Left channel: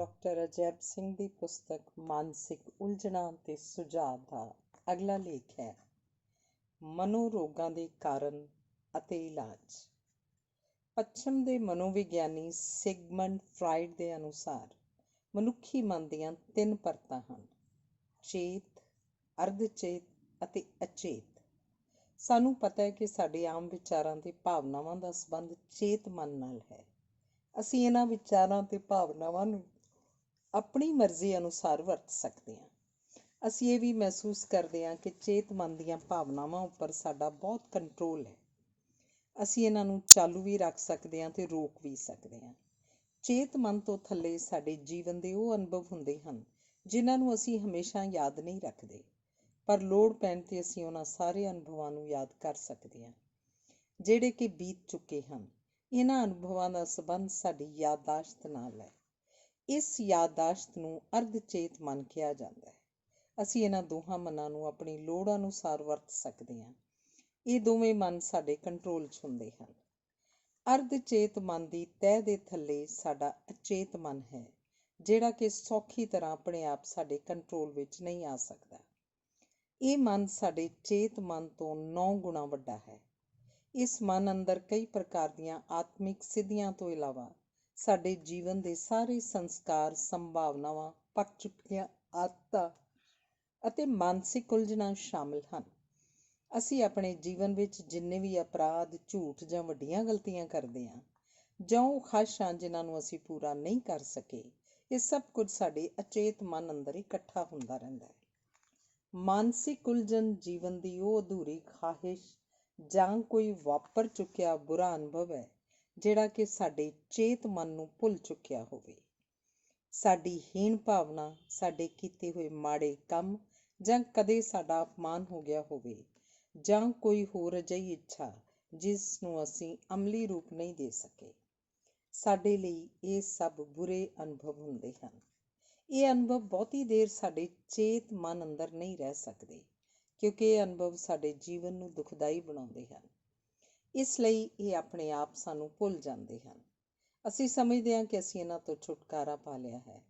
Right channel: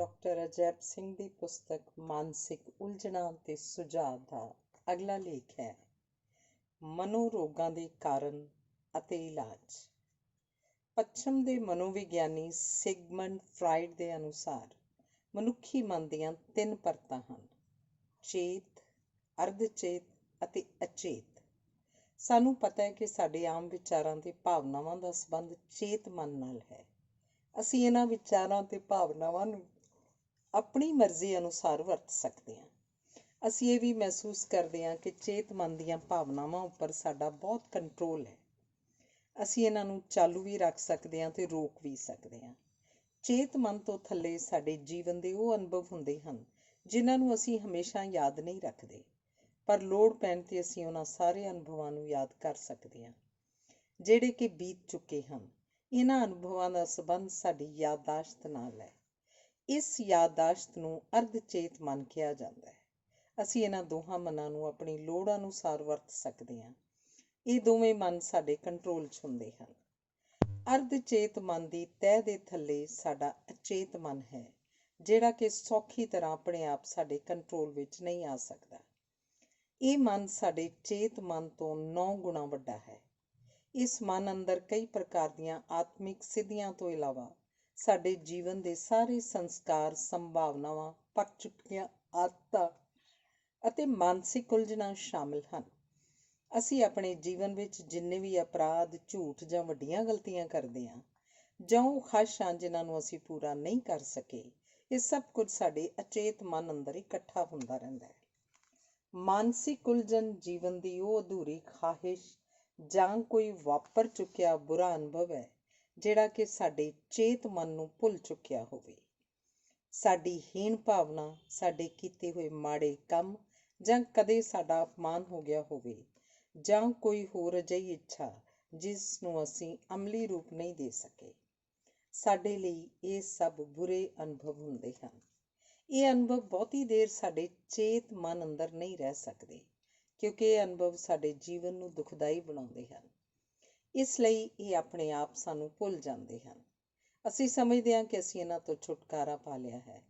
Doctor Ajaib Singh ਦੀ ਪੁਸਤਕ ਮਾਨਸਿਕ ਉਲਝਣਾਂ ਤੇ ਸੁਝਾਅ ਦਾ ਅਗਲਾ ਲੇਖ ਹੈ। ਮਨੋਰੋਗਾਂ ਦੇ ਕਾਰਨ ਅਤੇ ਇਲਾਜ। ਪੱਛਮ ਦੇ ਮਨੋਵਿਗਿਆਨੀ ਸਿਗਮੰਡ ਫਰਾਇਡ ਦੇ ਅਨੁਸਾਰ ਮਨੁੱਖੀ ਮਨ ਦੀਆਂ 3 ਪਰਤਾਂ ਹਨ: ਚੇਤ, ਅਰਧ-ਚੇਤ ਅਤੇ ਅਚੇਤ। ਸਾਨੂੰ ਪਤਾ ਹੈ ਕਿ ਸਾਡੇ ਆਮ ਵਿਚਾਰਾਂ ਤੇ ਭਾਵਨਾਵਾਂ ਦਾ ਸੰਬੰਧ ਚੇਤ ਮਨ ਨਾਲ ਹੈ। ਅਸੀਂ ਇਹਨਾਂ ਵਿਚਾਰਾਂ ਤੇ ਭਾਵਨਾਵਾਂ ਨੂੰ ਆਪਣੀ ਮਰਜ਼ੀ ਅਨੁਸਾਰ ਵਰਤ ਸਕਦੇ ਹਾਂ। ਅਸੀਂ ਇਹ ਵੀ ਮਹਿਸੂਸ ਕਰਦੇ ਹਾਂ ਕਿ ਚੇਤ ਮਨ ਦੀਆਂ ਭਾਵਨਾਵਾਂ ਉੱਪਰ ਸਾਡਾ ਬਹੁਤ ਕੰਟਰੋਲ ਹੈ। ਅਸੀਂ ਇਹਨਾਂ ਨੂੰ ਚਾਲੂ ਵੀ ਰੱਖ ਸਕਦੇ ਹਾਂ ਤੇ ਰੋਕ ਵੀ ਸਕਦੇ ਹਾਂ। ਚੇਤ ਮਨ ਤੋਂ ਥੱਲੇ ਸਾਡੇ ਜੀਵਨ ਦੇ ਉਹ ਅਨੁਭਵ ਹੁੰਦੇ ਹਨ ਜਿਨ੍ਹਾਂ ਨੂੰ ਅਸੀਂ ਹਮੇਸ਼ਾ ਯਾਦ ਨਹੀਂ ਰੱਖਦੇ, ਪਰ ਲੋੜ ਪੈਣ 'ਤੇ ਅਸੀਂ ਉਹਨਾਂ ਸਾਰੇ ਅਨੁਭਵਾਂ ਨੂੰ ਯਾਦ ਕਰ ਸਕਦੇ ਹਾਂ ਜਿਹੜੇ ਕਿ ਬੀਤ ਚੁੱਕੇ ਹਨ। ਇਹਨਾਂ ਅਨੁਭਵਾਂ ਦਾ ਸੰਬੰਧ ਸਾਡੀ ਯਾਦਾਸ਼ਤ ਨਾਲ ਹੈ। ਇਸ ਯਾਦਾਸ਼ਤ ਨੂੰ ਅਰਧ-ਚੇਤ ਮਨ ਕਿਹਾ ਜਾਂਦਾ ਹੈ। ਅਸੀਂ ਇਹਨਾਂ ਦੋਹਾਂ ਮਨਾਂ ਨੂੰ ਆਪਣੀ ਲੋੜ ਅਨੁਸਾਰ ਵਰਤ ਸਕਦੇ ਹਾਂ। ਇਹ ਦੋਵੇਂ ਮਨ ਸਾਡੇ ਕੰਟਰੋਲ 'ਚ ਹੁੰਦੇ ਹਨ। ਅਰਧ-ਚੇਤ ਮਨ ਦੀ ਤਹਿ ਦੇ ਥੱਲੇ ਸਾਡਾ ਅਚੇਤ ਮਨ ਹੈ, ਜਿਹੜਾ ਕਿ ਸੌਖੀ ਤਰ੍ਹਾਂ ਆਪਣੇ ਆਪ ਸਾਡੇ ਕੰਟਰੋਲ ਵਿੱਚ ਨਹੀਂ ਆ ਸਕਦਾ। ਇਹ ਮਨ ਸਾਡੇ ਚੇਤ ਮਨ ਤੋਂ 9 ਗੁਣਾ ਵੱਡਾ ਹੈ। ਇਸ ਮਨ ਅੰਦਰ ਕਈ ਪ੍ਰਕਾਰ ਦੀਆਂ ਆਤਮਿਕ ਸਿੱਧੀਆਂ ਤੋਂ ਇਲਾਵਾ ਸਾਡੇ ਜੀਵਨ ਦੇ ਸਾਰੇ ਸੰਸਕਾਰ, ਸੰਭਾਵਨਾਵਾਂ, ਪੱਕ ਚੁੱਕੀਆਂ ਆਦਤਾਂ ਅਤੇ ਮਾਨਸਿਕ ਉਲਝਣਾਂ ਸ਼ਾਮਲ ਹਨ। ਅਸੀਂ ਆਪਣੇ ਜੀਵਨ ਵਿੱਚ ਜਿੰਨੇ ਵੀ ਅਪਰਾਧ, ਝੂਠ ਜਾਂ ਵੱਡੀਆਂ ਗਲਤੀਆਂ ਕਰਦੇ ਹਾਂ, ਜਾਂ ਉਹ ਖਾਹਿਸ਼ਾਂ ਜਿਨ੍ਹਾਂ ਨੂੰ ਅਸੀਂ ਪੂਰਾ ਨਹੀਂ ਕਰ ਸਕੇ, ਇਹ ਸਭ ਕੁਝ ਸਾਡੇ ਅਚੇਤ ਮਨ ਅੰਦਰ ਇਕੱਠਾ ਹੁੰਦਾ ਰਹਿੰਦਾ ਹੈ। ਮਾਨਸਿਕ ਉਲਝਣ ਜੀਵਨ ਦੀ ਉਹ ਅਧੂਰੀ ਖਾਹਿਸ਼ ਜਾਂ ਕੋਈ ਵਾਪਰ ਚੁੱਕਿਆ ਬੁਰਾ ਅਨੁਭਵ ਹੈ ਜਿਹੜਾ ਕਿ ਸਾਡੇ ਚੇਤ ਮਨ ਨੂੰ ਭੁੱਲ ਚੁੱਕਿਆ ਹੋਵੇ। ਸਾਡੀ ਹੀਣ ਭਾਵਨਾ, ਸਾਡੇ ਕੀਤੇ ਹੋਏ ਮਾੜੇ ਕੰਮ, ਜਾਂ ਕਦੇ ਸਾਡਾ ਅਪਮਾਨ ਹੋ ਗਿਆ ਹੋਵੇ, ਜਾਂ ਕੋਈ ਹੋਰ ਅਜਿਹੀ ਇੱਛਾ ਜਿਸ ਨੂੰ ਅਸੀਂ ਅਮਲੀ ਰੂਪ ਨਹੀਂ ਦੇ ਸਕੇ। ਸਾਡੇ ਲਈ ਇਹ ਸਭ ਬੁਰੇ ਅਨੁਭਵ ਹੁੰਦੇ ਹਨ। ਇਹ ਅਨੁਭਵ ਬਹੁਤੀ ਦੇਰ ਸਾਡੇ ਚੇਤ ਮਨ ਅੰਦਰ ਨਹੀਂ ਰਹਿ ਸਕਦੇ, ਕਿਉਂਕਿ ਇਹ ਅਨੁਭਵ ਸਾਡੇ ਜੀਵਨ ਨੂੰ ਦੁਖਦਾਈ ਬਣਾਉਂਦੇ ਹਨ। ਇਸ ਲਈ ਇਹ ਆਪਣੇ ਆਪ ਸਾਨੂੰ ਭੁੱਲ ਜਾਂਦੇ ਹਨ। ਅਸੀਂ ਸਮਝਦੇ ਹਾਂ ਕਿ ਅਸੀਂ ਇਹਨਾਂ ਤੋਂ ਛੁਟਕਾਰਾ ਪਾ ਲਿਆ ਹੈ,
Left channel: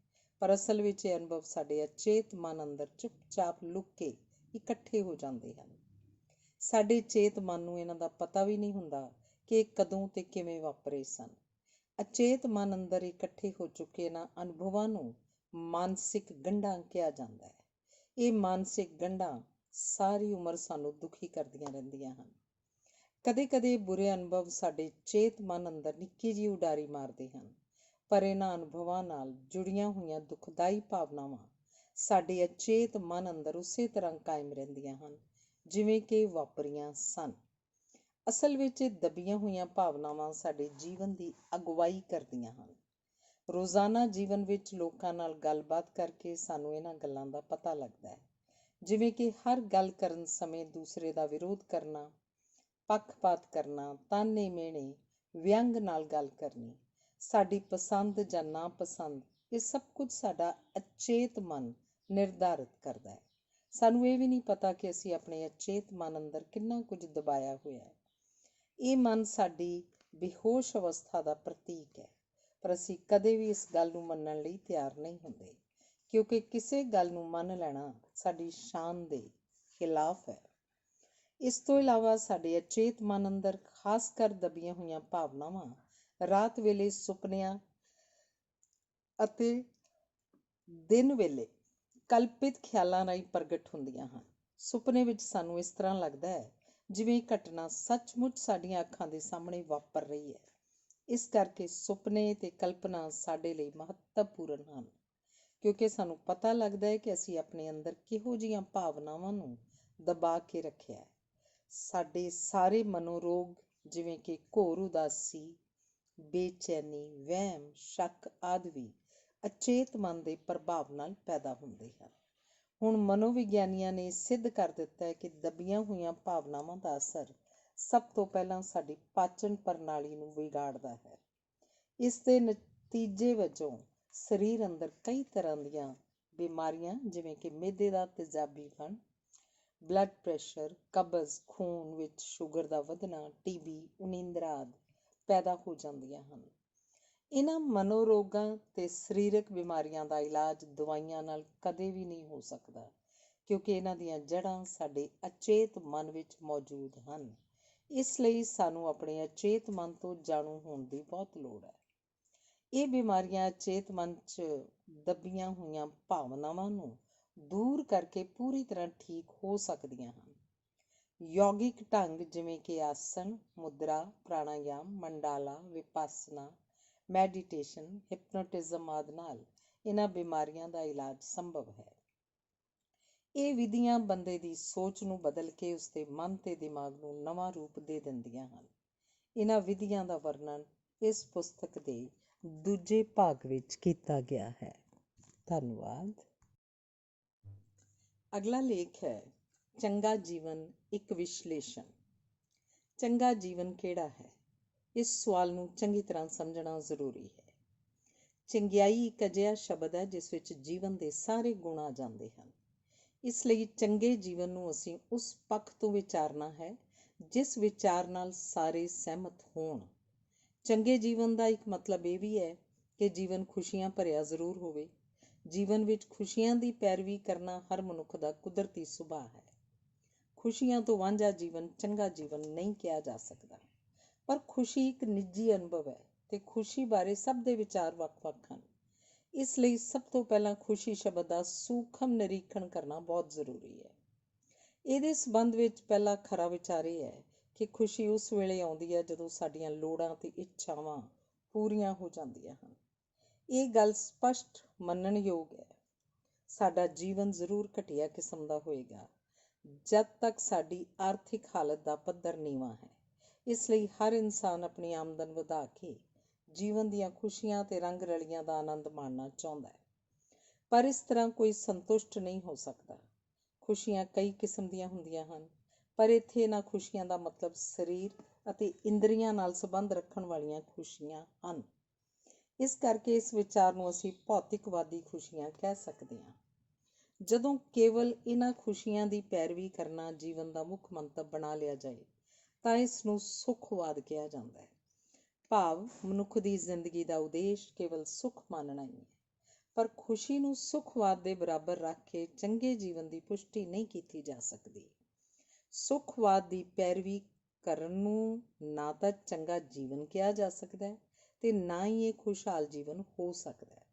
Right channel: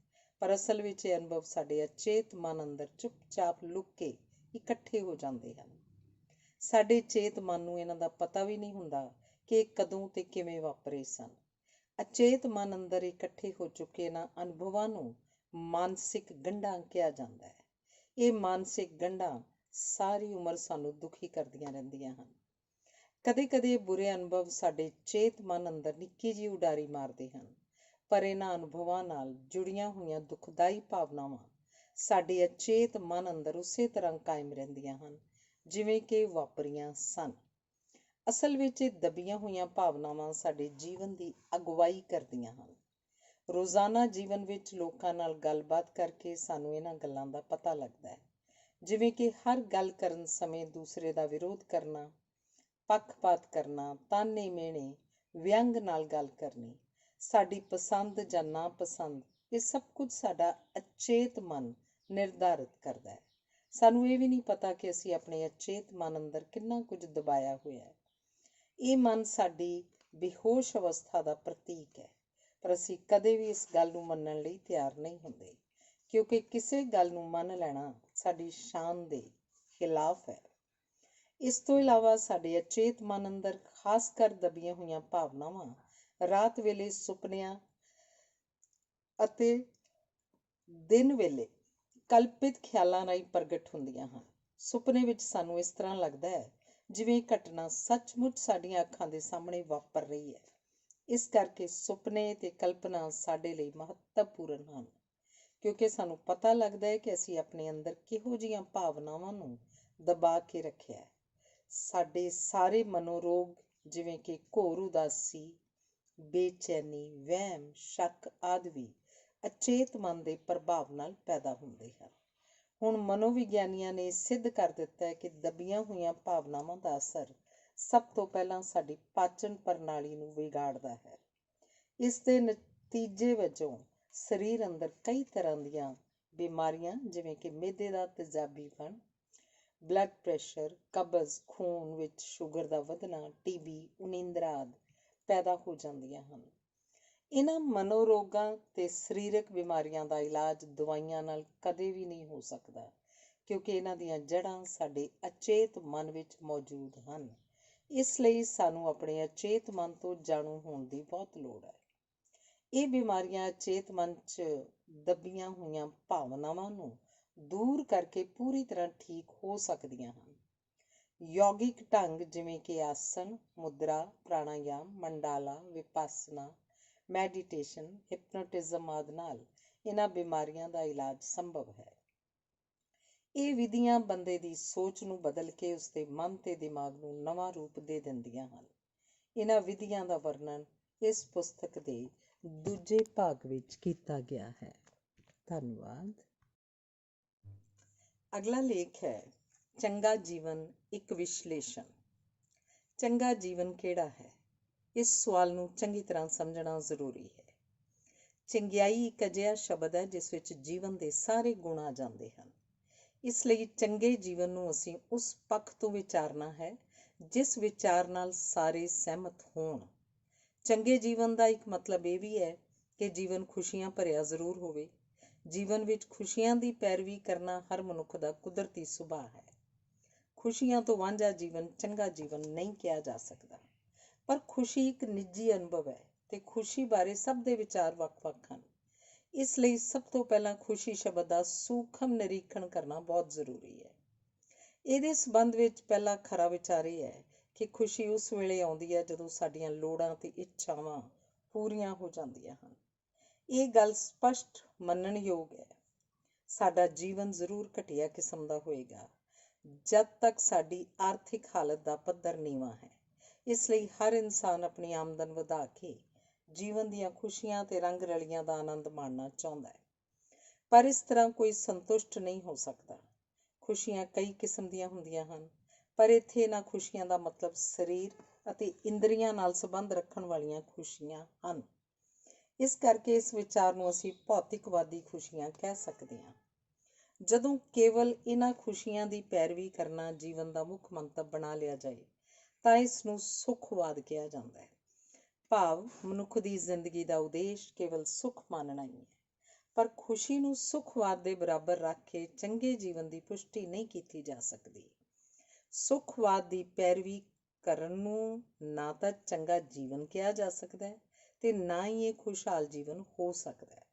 ਪਰ ਅਸਲ ਵਿੱਚ ਇਹ ਅਨੁਭਵ ਸਾਡੇ ਅਚੇਤ ਮਨ ਅੰਦਰ ਚੁੱਪਚਾਪ ਲੁਕ ਕੇ ਇਕੱਠੇ ਹੋ ਜਾਂਦੇ ਹਨ। ਸਾਡੇ ਚੇਤ ਮਨ ਨੂੰ ਇਹਨਾਂ ਦਾ ਪਤਾ ਵੀ ਨਹੀਂ ਹੁੰਦਾ ਕਿ ਇਹ ਕਦੋਂ ਤੇ ਕਿਵੇਂ ਵਾਪਰੇ ਸਨ। ਅਚੇਤ ਮਨ ਅੰਦਰ ਇਕੱਠੇ ਹੋ ਚੁੱਕੇ ਇਹਨਾਂ ਅਨੁਭਵਾਂ ਨੂੰ ਮਾਨਸਿਕ ਗੰਢਾਂ ਕਿਹਾ ਜਾਂਦਾ ਹੈ। ਇਹ ਮਾਨਸਿਕ ਗੰਢਾਂ ਸਾਰੀ ਉਮਰ ਸਾਨੂੰ ਦੁਖੀ ਕਰਦੀਆਂ ਰਹਿੰਦੀਆਂ ਹਨ। ਕਦੇ-ਕਦੇ ਬੁਰੇ ਅਨੁਭਵ ਸਾਡੇ ਚੇਤ ਮਨ ਅੰਦਰ ਨਿੱਕੀ ਜਿਹੀ ਉਡਾਰੀ ਮਾਰਦੇ ਹਨ, ਪਰ ਇਹਨਾਂ ਅਨੁਭਵਾਂ ਨਾਲ ਜੁੜੀਆਂ ਹੋਈਆਂ ਦੁਖਦਾਈ ਭਾਵਨਾਵਾਂ ਸਾਡੇ ਅਚੇਤ ਮਨ ਅੰਦਰ ਉਸੇ ਤਰ੍ਹਾਂ ਕਾਇਮ ਰਹਿੰਦੀਆਂ ਹਨ ਜਿਵੇਂ ਕਿ ਵਾਪਰੀਆਂ ਸਨ। ਅਸਲ ਵਿੱਚ ਇਹ ਦਬੀਆਂ ਹੋਈਆਂ ਭਾਵਨਾਵਾਂ ਸਾਡੇ ਜੀਵਨ ਦੀ ਅਗਵਾਈ ਕਰਦੀਆਂ ਹਨ। ਰੋਜ਼ਾਨਾ ਜੀਵਨ ਵਿੱਚ ਲੋਕਾਂ ਨਾਲ ਗੱਲਬਾਤ ਕਰਕੇ ਸਾਨੂੰ ਇਹਨਾਂ ਗੱਲਾਂ ਦਾ ਪਤਾ ਲੱਗਦਾ ਹੈ, ਜਿਵੇਂ ਕਿ ਹਰ ਗੱਲ ਕਰਨ ਸਮੇਂ ਦੂਸਰੇ ਦਾ ਵਿਰੋਧ ਕਰਨਾ, ਪੱਖਪਾਤ ਕਰਨਾ, ਤਾਨੇ ਮਿਹਣੇ, ਵਿਅੰਗ ਨਾਲ ਗੱਲ ਕਰਨੀ, ਸਾਡੀ ਪਸੰਦ ਜਾਂ ਨਾਪਸੰਦ, ਇਹ ਸਭ ਕੁਝ ਸਾਡਾ ਅਚੇਤ ਮਨ ਨਿਰਧਾਰਿਤ ਕਰਦਾ ਹੈ। ਸਾਨੂੰ ਇਹ ਵੀ ਨਹੀਂ ਪਤਾ ਕਿ ਅਸੀਂ ਆਪਣੇ ਅਚੇਤ ਮਨ ਅੰਦਰ ਕਿੰਨਾ ਕੁਝ ਦਬਾਇਆ ਹੋਇਆ ਹੈ। ਇਹ ਮਨ ਸਾਡੀ ਬੇਹੋਸ਼ ਅਵਸਥਾ ਦਾ ਪ੍ਰਤੀਕ ਹੈ, ਪਰ ਅਸੀਂ ਕਦੇ ਵੀ ਇਸ ਗੱਲ ਨੂੰ ਮੰਨਣ ਲਈ ਤਿਆਰ ਨਹੀਂ ਹੁੰਦੇ, ਕਿਉਂਕਿ ਕਿਸੇ ਗੱਲ ਨੂੰ ਮੰਨ ਲੈਣਾ ਸਾਡੀ ਸ਼ਾਨ ਦੇ ਖਿਲਾਫ ਹੈ। ਇਸ ਤੋਂ ਇਲਾਵਾ ਸਾਡੇ ਅਚੇਤ ਮਨ ਅੰਦਰ ਖਾਸ ਕਰ ਦਬੀਆਂ ਹੋਈਆਂ ਭਾਵਨਾਵਾਂ ਰਾਤ ਵੇਲੇ ਸੁਪਨਿਆਂ ਅਤੇ ਦਿਨ ਵੇਲੇ ਕਲਪਿਤ ਖਿਆਲਾਂ ਰਾਹੀਂ ਪ੍ਰਗਟ ਹੁੰਦੀਆਂ ਹਨ। ਸੁਪਨੇ ਵਿੱਚ ਸਾਨੂੰ ਇਸ ਤਰ੍ਹਾਂ ਲੱਗਦਾ ਹੈ ਜਿਵੇਂ ਇਹ ਘਟਨਾ ਸੱਚਮੁੱਚ ਸਾਡੀਆਂ ਅੱਖਾਂ ਦੇ ਸਾਹਮਣੇ ਵਾਪਰ ਰਹੀ ਹੈ। ਇਸ ਕਰਕੇ ਸੁਪਨੇ ਤੇ ਕਲਪਨਾ ਸਾਡੇ ਲਈ ਮਹੱਤਵਪੂਰਨ ਹਨ, ਕਿਉਂਕਿ ਸਾਨੂੰ ਪਤਾ ਲੱਗਦਾ ਹੈ ਕਿ ਅਸੀਂ ਆਪਣੇ ਅੰਦਰ ਕਿਹੋ ਜਿਹੀਆਂ ਭਾਵਨਾਵਾਂ ਨੂੰ ਦਬਾ ਕੇ ਰੱਖਿਆ ਹੈ। ਸਾਡੇ ਸਾਰੇ ਮਨੋਰੋਗ ਜਿਵੇਂ ਕਿ ਘੋਰ ਉਦਾਸੀ, ਬੇਚੈਨੀ, ਵਹਿਮ, ਸ਼ੱਕ ਆਦਿ ਵੀ ਅਚੇਤ ਮਨ ਦੇ ਪ੍ਰਭਾਵ ਨਾਲ ਪੈਦਾ ਹੁੰਦੇ ਹਨ। ਹੁਣ ਮਨੋਵਿਗਿਆਨੀਆਂ ਨੇ ਸਿੱਧ ਕਰ ਦਿੱਤਾ ਹੈ ਕਿ ਦਬੀਆਂ ਹੋਈਆਂ ਭਾਵਨਾਵਾਂ ਦਾ ਅਸਰ ਸਭ ਤੋਂ ਪਹਿਲਾਂ ਸਾਡੀ ਪਾਚਨ ਪ੍ਰਣਾਲੀ ਨੂੰ ਵਿਗਾੜਦਾ ਹੈ। ਇਸ ਦੇ ਨਤੀਜੇ ਵਜੋਂ ਸਰੀਰ ਅੰਦਰ ਕਈ ਤਰ੍ਹਾਂ ਦੀਆਂ ਬਿਮਾਰੀਆਂ ਜਿਵੇਂ ਕਿ ਮਿਹਦੇ ਦਾ ਤੇਜ਼ਾਬੀਪਣ, ਬਲੱਡ ਪ੍ਰੈਸ਼ਰ, ਕਬਜ਼, ਖੂਨ ਵਿੱਚ ਸ਼ੂਗਰ ਦਾ ਵਧਣਾ, TB, ਉਨੀਂਦਰਾ ਆਦਿ ਪੈਦਾ ਹੋ ਜਾਂਦੀਆਂ ਹਨ। ਇਹਨਾਂ ਮਨੋਰੋਗਾਂ ਤੇ ਸਰੀਰਕ ਬਿਮਾਰੀਆਂ ਦਾ ਇਲਾਜ ਦਵਾਈਆਂ ਨਾਲ ਕਦੇ ਵੀ ਨਹੀਂ ਹੋ ਸਕਦਾ, ਕਿਉਂਕਿ ਇਹਨਾਂ ਦੀਆਂ ਜੜ੍ਹਾਂ ਸਾਡੇ ਅਚੇਤ ਮਨ ਵਿੱਚ ਮੌਜੂਦ ਹਨ। ਇਸ ਲਈ ਸਾਨੂੰ ਆਪਣੇ ਅਚੇਤ ਮਨ ਤੋਂ ਜਾਣੂ ਹੋਣ ਦੀ ਬਹੁਤ ਲੋੜ ਹੈ। ਇਹ ਬਿਮਾਰੀਆਂ ਅਚੇਤ ਮਨ 'ਚ ਦੱਬੀਆਂ ਹੋਈਆਂ ਭਾਵਨਾਵਾਂ ਨੂੰ ਦੂਰ ਕਰਕੇ ਪੂਰੀ ਤਰ੍ਹਾਂ ਠੀਕ ਹੋ ਸਕਦੀਆਂ ਹਨ। ਯੋਗਿਕ ਢੰਗ ਜਿਵੇਂ ਕਿ ਆਸਣ, ਮੁਦਰਾ, ਪ੍ਰਾਣਾਯਾਮ, ਮੰਡਾਲਾ, ਵਿਪਾਸਨਾ, ਮੈਡੀਟੇਸ਼ਨ, ਹਿਪਨੋਟਿਜ਼ਮ ਆਦਿ ਨਾਲ ਇਹਨਾਂ ਬਿਮਾਰੀਆਂ ਦਾ ਇਲਾਜ ਸੰਭਵ ਹੈ। ਇਹ ਵਿਧੀਆਂ ਬੰਦੇ ਦੀ ਸੋਚ ਨੂੰ ਬਦਲ ਕੇ ਉਸਦੇ ਮਨ ਤੇ ਦਿਮਾਗ ਨੂੰ ਨਵਾਂ ਰੂਪ ਦੇ ਦਿੰਦੀਆਂ ਹਨ। ਇਹਨਾਂ ਵਿਧੀਆਂ ਦਾ ਵਰਣਨ ਇਸ ਪੁਸਤਕ ਦੇ ਦੂਜੇ ਭਾਗ ਵਿੱਚ ਕੀਤਾ ਗਿਆ ਹੈ। ਧੰਨਵਾਦ। ਅਗਲਾ ਲੇਖ ਹੈ ਚੰਗਾ ਜੀਵਨ ਇੱਕ ਵਿਸ਼ਲੇਸ਼ਣ। ਚੰਗਾ ਜੀਵਨ ਕਿਹੜਾ ਹੈ? ਇਸ ਸਵਾਲ ਨੂੰ ਚੰਗੀ ਤਰ੍ਹਾਂ ਸਮਝਣਾ ਜ਼ਰੂਰੀ ਹੈ। ਚੰਗਿਆਈ ਇੱਕ ਅਜਿਹਾ ਸ਼ਬਦ ਹੈ ਜਿਸ ਵਿੱਚ ਜੀਵਨ ਦੇ ਸਾਰੇ ਗੁਣ ਆ ਜਾਂਦੇ ਹਨ। ਇਸ ਲਈ ਚੰਗੇ ਜੀਵਨ ਨੂੰ ਅਸੀਂ ਉਸ ਪੱਖ ਤੋਂ ਵਿਚਾਰਨਾ ਹੈ ਜਿਸ ਵਿਚਾਰ ਨਾਲ ਸਾਰੇ ਸਹਿਮਤ ਹੋਣ। ਚੰਗੇ ਜੀਵਨ ਦਾ ਇੱਕ ਮਤਲਬ ਇਹ ਵੀ ਹੈ ਕਿ ਜੀਵਨ ਖੁਸ਼ੀਆਂ ਭਰਿਆ ਜ਼ਰੂਰ ਹੋਵੇ। ਜੀਵਨ ਵਿੱਚ ਖੁਸ਼ੀਆਂ ਦੀ ਪੈਰਵੀ ਕਰਨਾ ਹਰ ਮਨੁੱਖ ਦਾ ਕੁਦਰਤੀ ਸੁਭਾਅ ਹੈ। ਖੁਸ਼ੀਆਂ ਤੋਂ ਵਾਂਝਾ ਜੀਵਨ ਚੰਗਾ ਜੀਵਨ ਨਹੀਂ ਕਿਹਾ ਜਾ ਸਕਦਾ। ਪਰ ਖੁਸ਼ੀ ਇੱਕ ਨਿੱਜੀ ਅਨੁਭਵ ਹੈ ਤੇ ਖੁਸ਼ੀ ਬਾਰੇ ਸਭ ਦੇ ਵਿਚਾਰ ਵੱਖ-ਵੱਖ ਹਨ। ਇਸ ਲਈ ਸਭ ਤੋਂ ਪਹਿਲਾਂ ਖੁਸ਼ੀ ਸ਼ਬਦ ਦਾ ਸੂਖਮ ਨਿਰੀਖਣ ਕਰਨਾ ਬਹੁਤ ਜ਼ਰੂਰੀ ਹੈ। ਇਹਦੇ ਸੰਬੰਧ ਵਿੱਚ ਪਹਿਲਾ ਖਰਾ ਵਿਚਾਰ ਇਹ ਹੈ ਕਿ ਖੁਸ਼ੀ ਉਸ ਵੇਲੇ ਆਉਂਦੀ ਹੈ ਜਦੋਂ ਸਾਡੀਆਂ ਲੋੜਾਂ ਤੇ ਇੱਛਾਵਾਂ ਪੂਰੀਆਂ ਹੋ ਜਾਂਦੀਆਂ ਹਨ। ਇਹ ਗੱਲ ਸਪਸ਼ਟ ਮੰਨਣਯੋਗ ਹੈ। ਸਾਡਾ ਜੀਵਨ ਜ਼ਰੂਰ ਘਟੀਆ ਕਿਸਮ ਦਾ ਹੋਏਗਾ ਜਦ ਤੱਕ ਸਾਡੀ ਆਰਥਿਕ ਹਾਲਤ ਦਾ ਪੱਧਰ ਨੀਵਾਂ ਹੈ। ਇਸ ਲਈ ਹਰ ਇਨਸਾਨ ਆਪਣੀ ਆਮਦਨ ਵਧਾ ਕੇ ਜੀਵਨ ਦੀਆਂ ਖੁਸ਼ੀਆਂ ਤੇ ਰੰਗ ਰਲੀਆਂ ਦਾ ਆਨੰਦ ਮਾਣਨਾ ਚਾਹੁੰਦਾ ਹੈ। ਪਰ ਇਸ ਤਰ੍ਹਾਂ ਕੋਈ ਸੰਤੁਸ਼ਟ ਨਹੀਂ ਹੋ ਸਕਦਾ। ਖੁਸ਼ੀਆਂ ਕਈ ਕਿਸਮ ਦੀਆਂ ਹੁੰਦੀਆਂ ਹਨ, ਪਰ ਇੱਥੇ ਇਹਨਾਂ ਖੁਸ਼ੀਆਂ ਦਾ ਮਤਲਬ ਸਰੀਰ ਅਤੇ ਇੰਦਰੀਆਂ ਨਾਲ ਸੰਬੰਧ ਰੱਖਣ ਵਾਲੀਆਂ ਖੁਸ਼ੀਆਂ ਹਨ। ਇਸ ਕਰਕੇ ਇਸ ਵਿਚਾਰ ਨੂੰ ਅਸੀਂ ਭੌਤਿਕਵਾਦੀ ਖੁਸ਼ੀਆਂ ਕਹਿ ਸਕਦੇ ਹਾਂ। ਜਦੋਂ ਕੇਵਲ ਇਹਨਾਂ ਖੁਸ਼ੀਆਂ ਦੀ ਪੈਰਵੀ ਕਰਨਾ ਜੀਵਨ ਦਾ ਮੁੱਖ ਮੰਤਵ ਬਣਾ ਲਿਆ ਜਾਏ ਤਾਂ ਇਸ ਨੂੰ ਸੁਖਵਾਦ ਕਿਹਾ ਜਾਂਦਾ ਹੈ। ਭਾਵ ਮਨੁੱਖ ਦੀ ਜ਼ਿੰਦਗੀ ਦਾ ਉਦੇਸ਼ ਕੇਵਲ ਸੁੱਖ ਮਾਨਣਾ ਹੀ ਹੈ। ਪਰ ਖੁਸ਼ੀ ਨੂੰ ਸੁਖਵਾਦ ਦੇ ਬਰਾਬਰ ਰੱਖ ਕੇ ਚੰਗੇ ਜੀਵਨ ਦੀ ਪੁਸ਼ਟੀ ਨਹੀਂ ਕੀਤੀ ਜਾ ਸਕਦੀ। ਸੁਖਵਾਦ ਦੀ ਪੈਰਵੀ ਕਰਨ ਨੂੰ ਨਾ ਤਾਂ ਚੰਗਾ ਜੀਵਨ ਕਿਹਾ ਜਾ ਸਕਦਾ ਹੈ ਤੇ ਨਾ ਹੀ ਇਹ ਖੁਸ਼ਹਾਲ ਜੀਵਨ ਹੋ ਸਕਦਾ ਹੈ,